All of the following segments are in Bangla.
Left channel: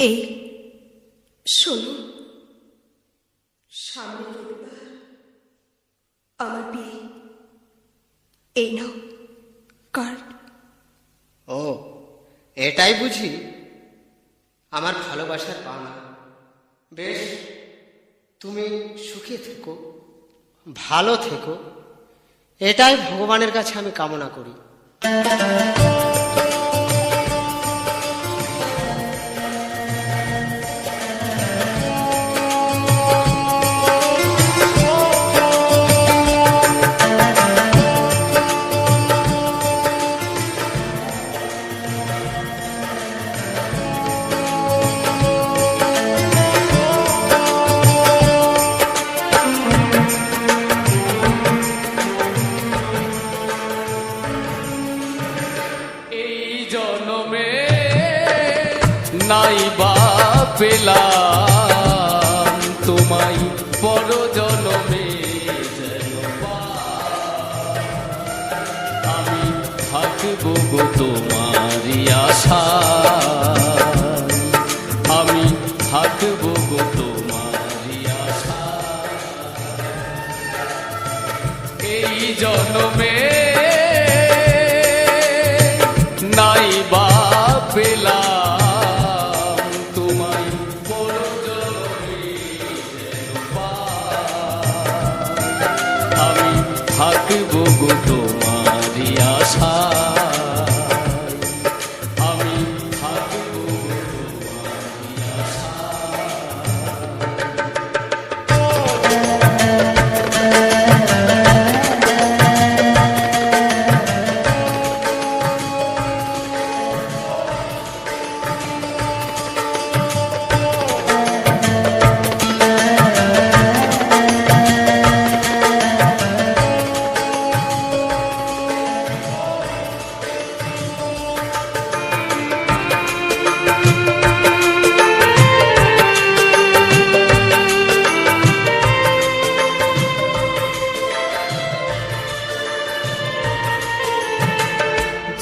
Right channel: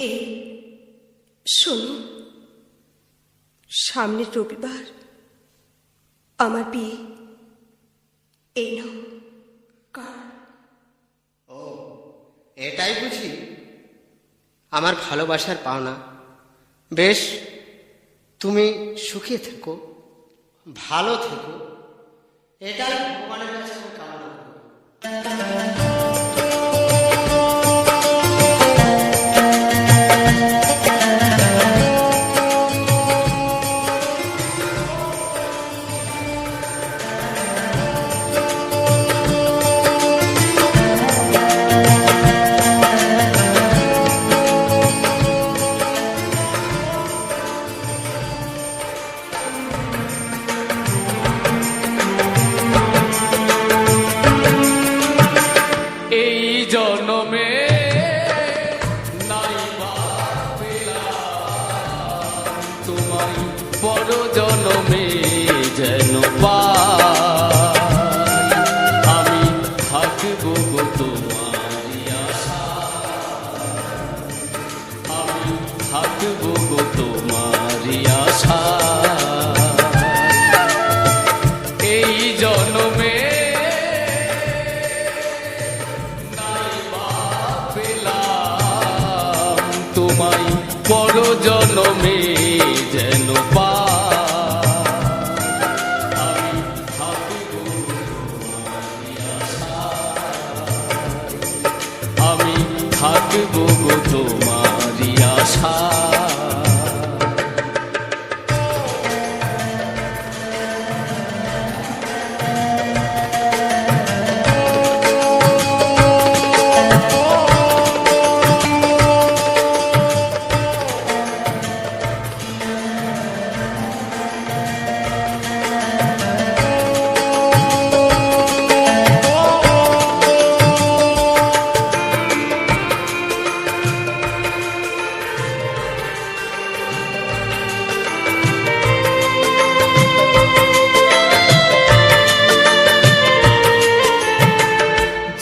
এই শোনো, সামনের রবিবার আমার বিয়ে। এই নাও কার্ড। ও, এটাই বুঝি আমার ভালোবাসার পাওনা। বেশ, তুমি সুখে থেকো, ভালো থেকো, এটাই ভগবানের কাছে আমি কামনা করি। নাই বা পেলাম তোমায় পর জনমে যেন পাই, আমি থাকবো গো তোমারই আশায়, আমি থাকবো গো তোমারই আশায়। এই জনমে নাই বা পেলাম তোমায় পর জনমে যেন পাই, আমি থাকবো গো তোমারই আশায়, আমি থাকবো গো তোমারই আশায়।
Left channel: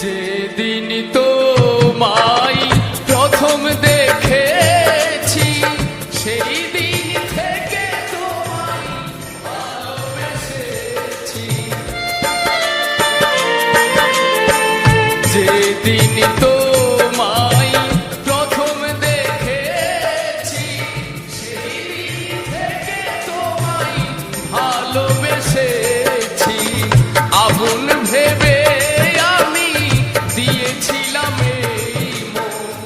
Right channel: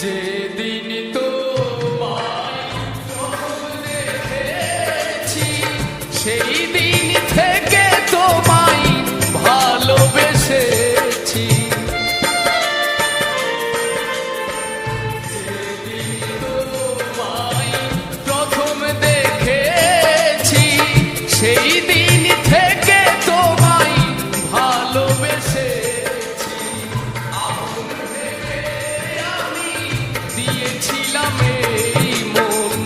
যেদিন তোমায় প্রথম দেখেছি, সেই দিন থেকে তোমায় ভালোবেসেছি। যেদিন তোমায় প্রথম দেখেছি, সেই দিন থেকে তোমায় ভালোবেসেছি। আগুন ভেবে দিয়েছিলাম এই মন,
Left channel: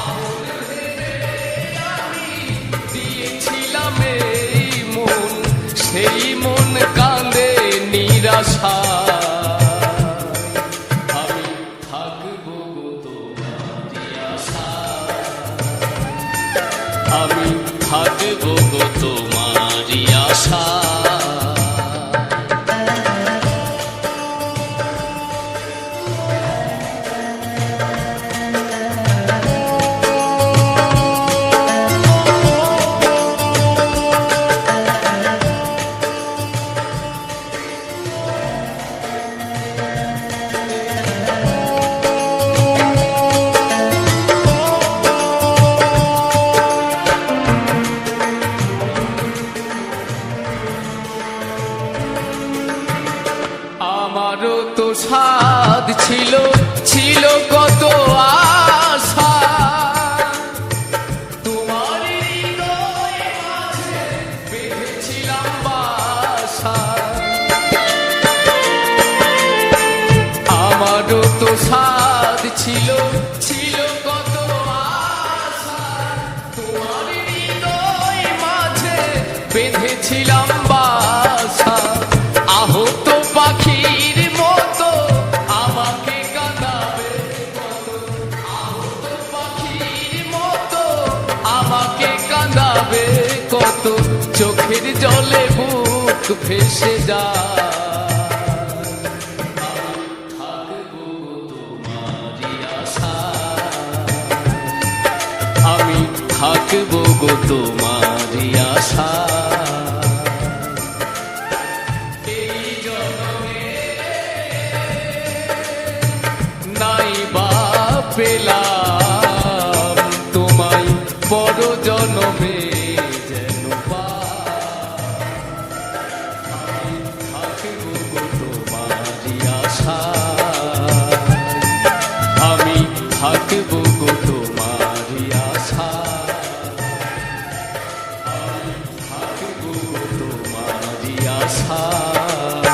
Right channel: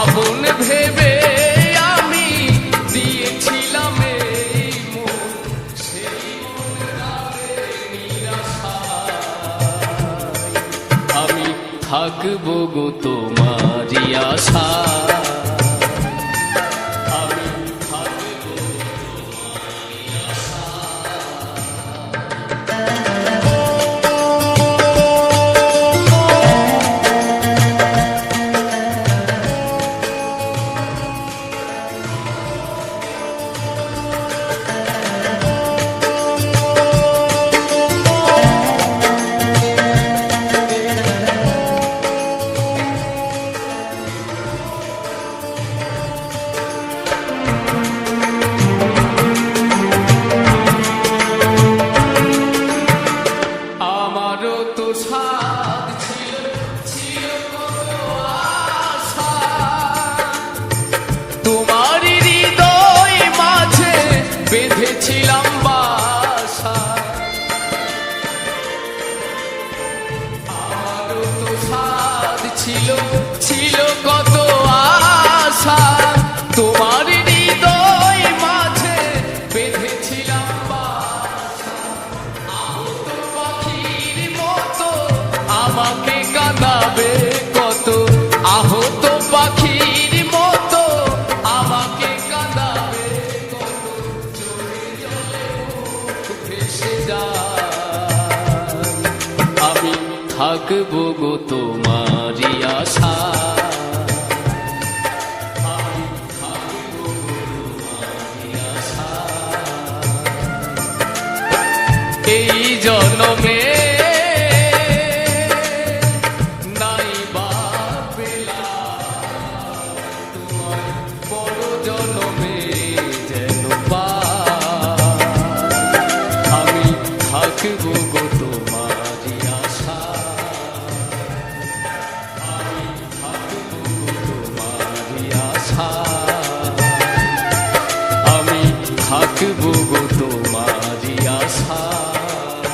আগুন ভেবে আমি দিয়েছিলাম এই মন, সেই মন কাঁদে নিরাশায়, আমি থাকবো গো তোমারই আশায়, আমি থাকবো গো তোমারই আশায়। আমারও তো সাধ ছিল, ছিল কত আশা, তোমার হৃদয় মাঝে বেঁধেছিলাম বাসা। আমারও তো সাধ ছিল, ছিল কত আশা, তোমার হৃদয় মাঝে বেঁধেছিলাম বাসা। আহত পাখির মতো আমাকে কাঁদাবে কত, আহত পাখির মতো আমাকে কাঁদাবে কত, চোখের জলে বুক ভেসে যায়, আমি থাকবো গো তোমারই আশায়, আমি থাকবো গো তোমারই আশায়। এই জনমে নাই বা পেলাম তোমায় জনমে যেন পাই। আমি থাকবো গো তোমারই আশায়, আমি থাকবো গো তোমারই আশায়, আমি থাকবো গো তোমারই আশায়।